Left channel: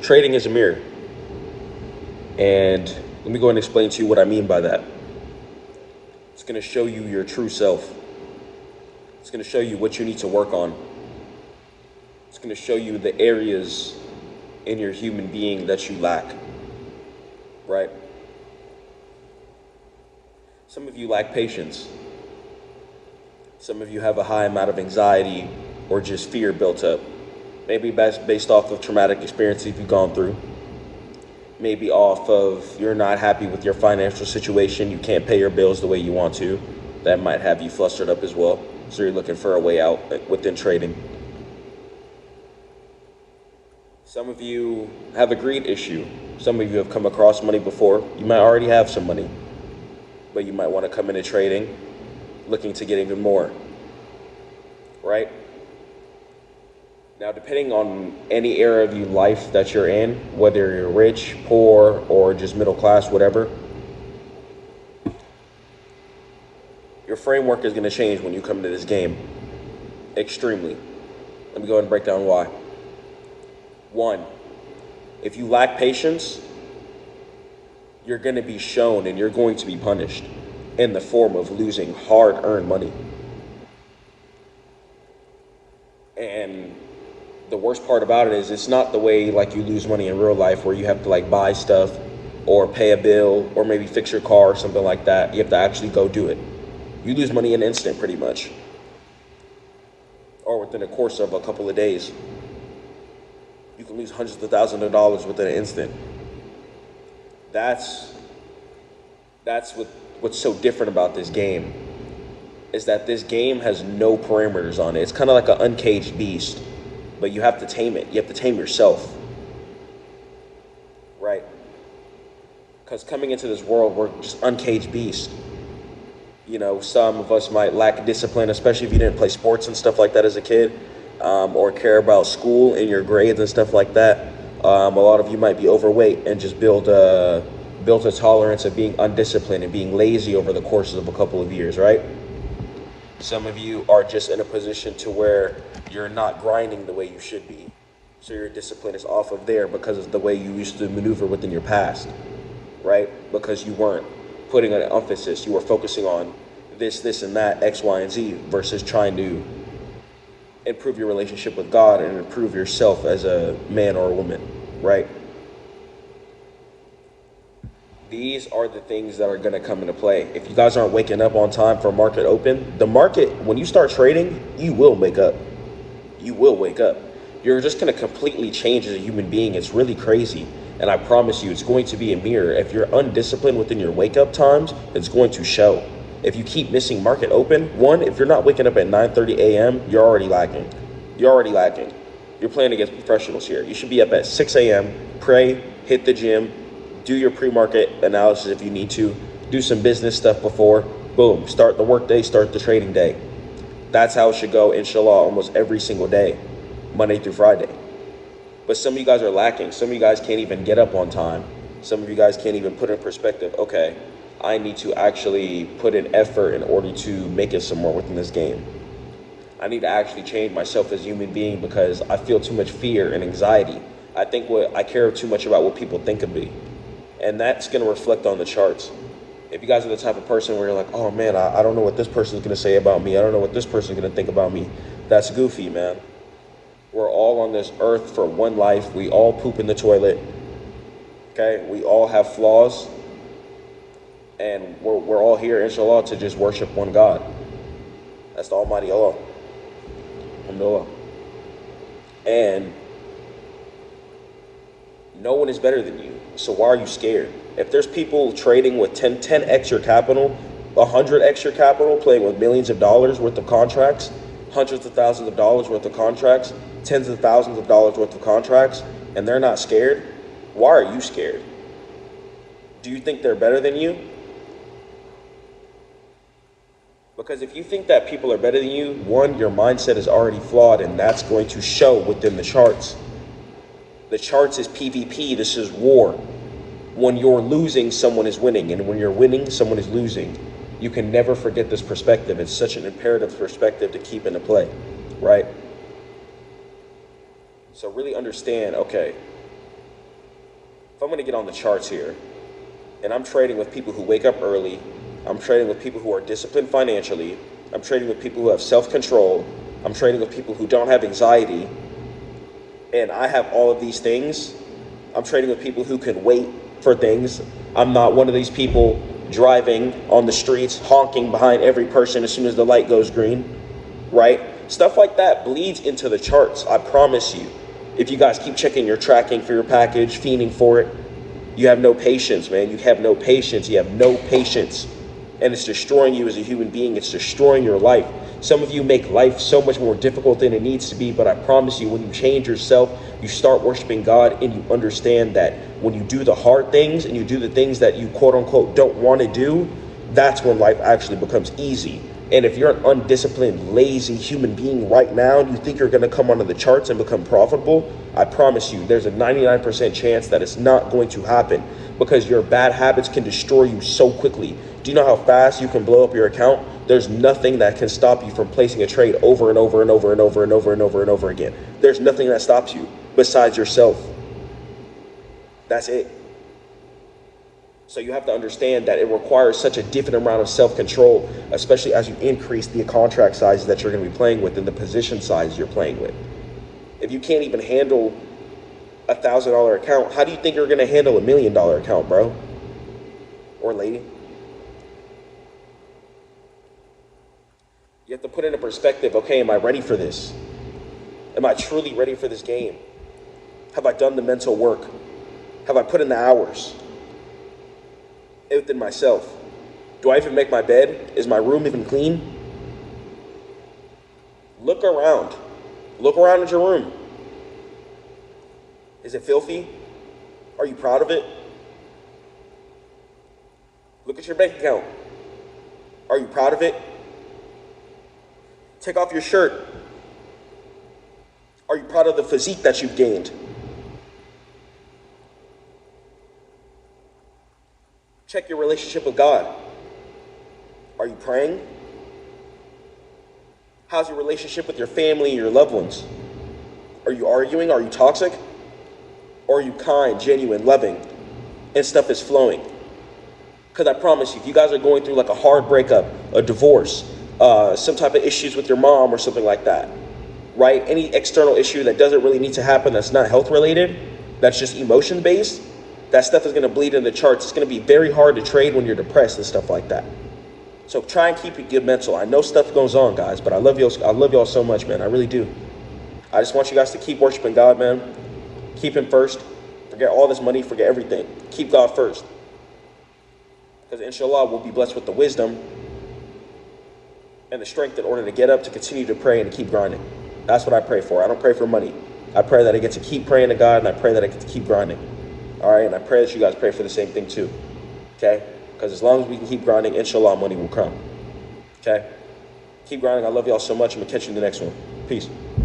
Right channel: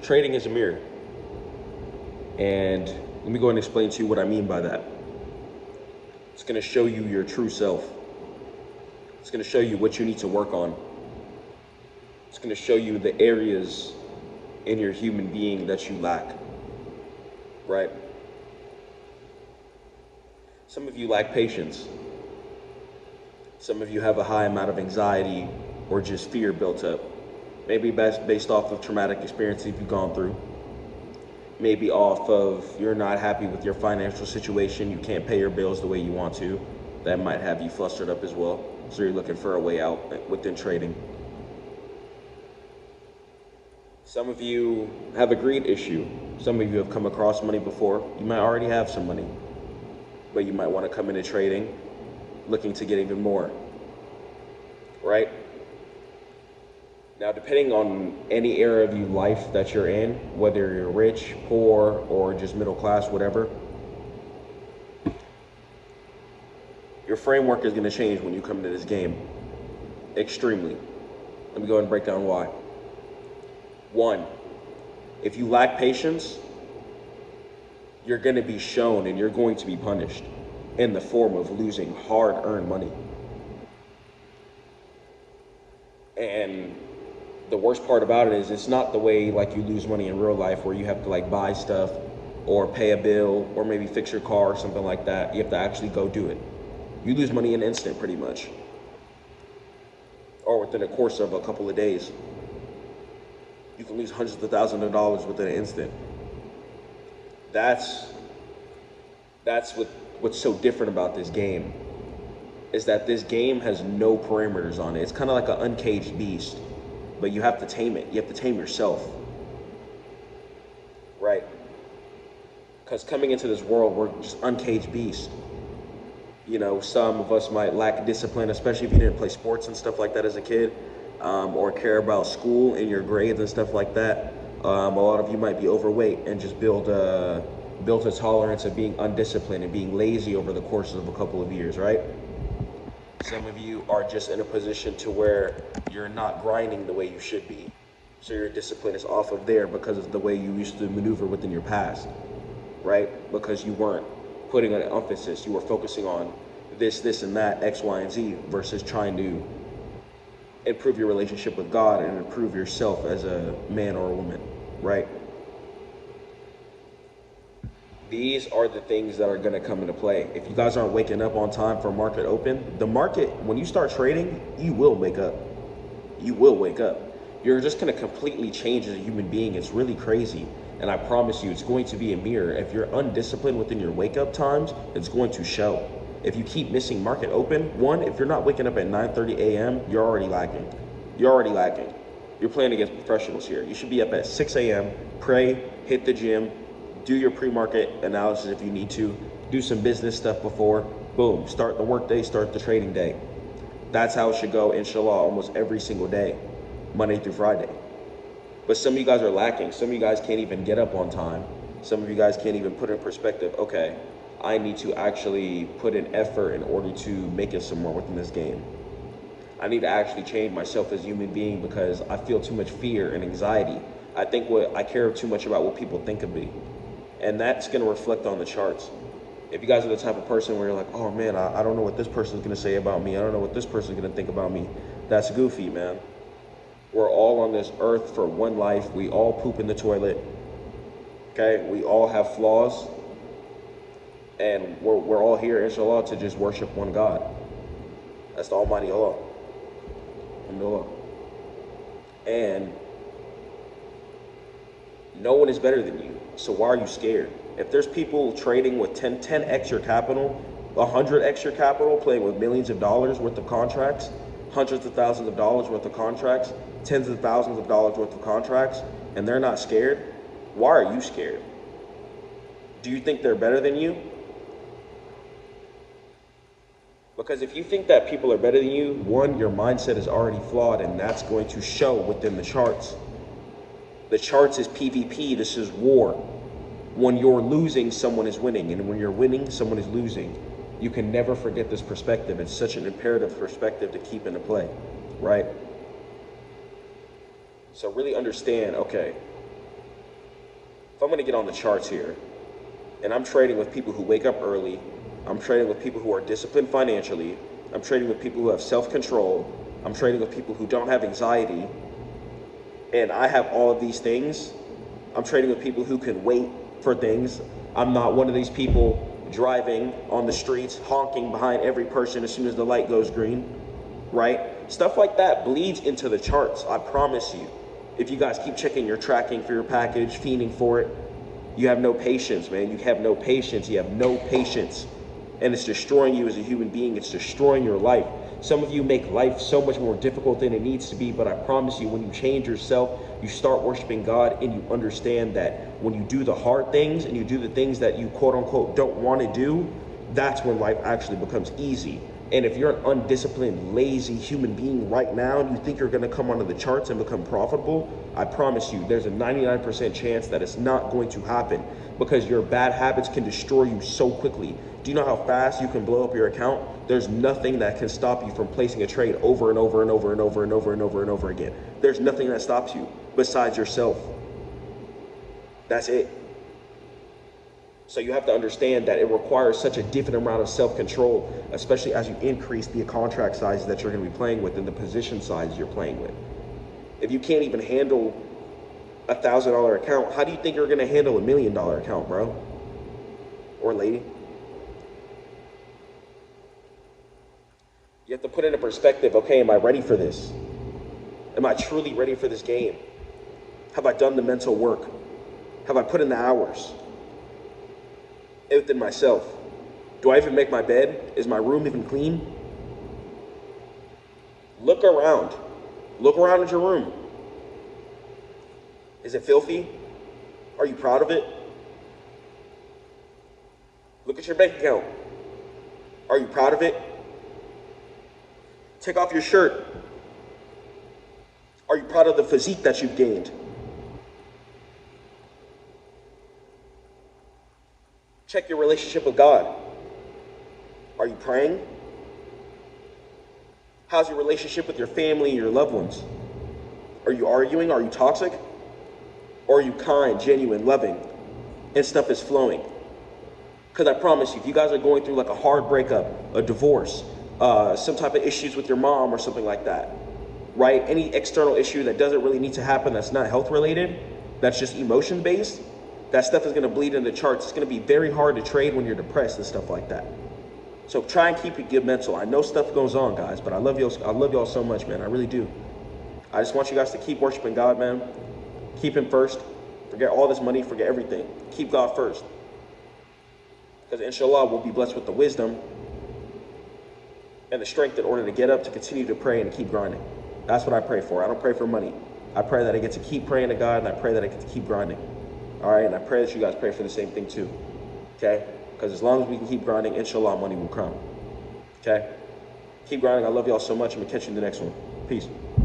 Trading is a mirror. And let me go ahead and explain to you what I mean by that. It's going to show you your true self. It's going to show you what you need to work on. It's going to show you the areas in your human being that you lack, right? Some of you lack patience. Some of you have a high amount of anxiety or just fear built up. Maybe based off of traumatic experiences you've gone through. Maybe off of you're not happy with your financial situation, you can't pay your bills the way you want to. That might have you flustered up as well. So you're looking for a way out within trading. Some of you have a greed issue. Some of you have come across money before. You might already have some money, but you might want to come into trading looking to get even more, right? Now, depending on any era of your life that you're in, whether you're rich, poor, or just middle class, whatever, your framework is going to change when you come into this game. Extremely. Let me go ahead and break down why. One, if you lack patience, you're going to be shown and you're going to be punished in the form of losing hard-earned money. And the worst part about it is it's not the way like you lose money in real life where you have to like buy stuff or pay a bill or maybe fix your car or something like that. You have to actually go do it. You lose money in an instant pretty much, or within a course of a couple of days. You can lose hundreds of thousands of dollars within an instant. That's what's so different about this game, is that this game has no parameters on it. It's kind of like an uncaged beast, but you have to tame it. You have to tame yourself, right? Because coming into this world, we're just uncaged beasts. You know, some of us might lack discipline, especially if you didn't play sports and stuff like that as a kid, or care about school and your grades and stuff like that. A lot of you might be overweight and just built a tolerance of being undisciplined and being lazy over the course of a couple of years, right? Some of you are just in a position to where you're not grinding the way you should be. So your discipline is off of there because of the way you used to maneuver within your past, right? Because you weren't putting an emphasis. You were focusing on this, and that, X, Y, and Z, versus trying to improve your relationship with God and improve yourself as a man or a woman, right? These are the things that are going to come into play. If you guys aren't waking up on time for market open, the market, when you start trading, you will wake up. You will wake up. You're just going to completely change as a human being. It's really crazy. And I promise you, it's going to be a mirror. If you're undisciplined within your wake up times, it's going to show. If you keep missing market open, one, if you're not waking up at 9:30 a.m., you're already lacking. You're already lacking. You're playing against professionals here. You should be up at 6 a.m., pray, hit the gym, do your pre-market analysis if you need to, do some business stuff before, boom, start the work day, start the trading day. That's how it should go, inshallah, almost every single day, Monday through Friday. But some of you guys are lacking. Some of you guys can't even get up on time. Some of you guys can't even put in perspective, okay, I need to actually put in effort in order to make it somewhere within this game. I need to actually change myself as a human being because I feel too much fear and anxiety. I care too much about what people think of me. And that's going to reflect on the charts. If you guys are the type of person where you're like, oh man, I don't know what this person is going to say about me. I don't know what this person is going to think about me. That's goofy, man. We're all on this earth for one life. We all poop in the toilet. Okay? We all have flaws. And we're all here, inshallah, to just worship one God. That's the Almighty Allah. Alhamdulillah. And no one is better than you. So why are you scared? If there's people trading with 10x your capital, 100x your capital, playing with millions of dollars worth of contracts, hundreds of thousands of dollars worth of contracts, tens of thousands of dollars worth of contracts, and they're not scared, why are you scared? Do you think they're better than you? Because if you think that people are better than you, one, your mindset is already flawed, and that's going to show within the charts. The charts is PvP, this is war. When you're losing, someone is winning, and when you're winning, someone is losing. You can never forget this perspective. It's such an imperative perspective to keep into play, right? So really understand, okay, if I'm going to get on the charts here, and I'm trading with people who wake up early, I'm trading with people who are disciplined financially, I'm trading with people who have self-control, I'm trading with people who don't have anxiety, and I have all of these things. I'm trading with people who can wait for things. I'm not one of these people driving on the streets, honking behind every person as soon as the light goes green, right? Stuff like that bleeds into the charts, I promise you. If you guys keep checking your tracking for your package, fiending for it, you have no patience, man. You have no patience. You have no patience. And it's destroying you as a human being. It's destroying your life. Some of you make life so much more difficult than it needs to be, but I promise you, when you change yourself, you start worshiping God, and you understand that when you do the hard things and you do the things that you quote unquote don't want to do, that's when life actually becomes easy. And if you're an undisciplined, lazy human being right now, and you think you're going to come onto the charts and become profitable, I promise you, there's a 99% chance that it's not going to happen, because your bad habits can destroy you so quickly. Do you know how fast you can blow up your account? There's nothing that can stop you from placing a trade over and over and over and over and over and over and over again. There's nothing that stops you besides yourself. That's it. So you have to understand that it requires such a different amount of self-control, especially as you increase the contract sizes that you're going to be playing with and the position size you're playing with. If you can't even handle a $1,000 account, how do you think you're going to handle $1 million account, bro? Or lady? You have to put into perspective, okay, am I ready for this? Am I truly ready for this game? Have I done the mental work? Have I put in the hours within myself? Do I even make my bed? Is my room even clean? Look around. Look around at your room. Is it filthy? Are you proud of it? Look at your bank account. Are you proud of it? Take off your shirt. Are you proud of the physique that you've gained? Check your relationship with God. Are you praying? How's your relationship with your family and your loved ones? Are you arguing? Are you toxic? Or are you kind, genuine, loving, and stuff is flowing? Because I promise you, if you guys are going through like a hard breakup, a divorce, some type of issues with your mom or something like that, right? Any external issue that doesn't really need to happen, that's not health related, that's just emotion based, that stuff is going to bleed in the charts. It's going to be very hard to trade when you're depressed and stuff like that. So try and keep it good mental. I know stuff goes on, guys, but I love y'all so much, man. I really do. I just want you guys to keep worshiping God, man. Keep him first. Forget all this money, forget everything. Keep God first. Because inshallah, we'll be blessed with the wisdom and the strength in order to get up, to continue to pray, and to keep grinding. That's what I pray for. I don't pray for money. I pray that I get to keep praying to God, and I pray that I get to keep grinding. All right, and I pray that you guys pray for the same thing too, okay? Because as long as we can keep grinding, inshallah, money will come, okay? Keep grinding. I love y'all so much. I'm going to catch you in the next one. Peace.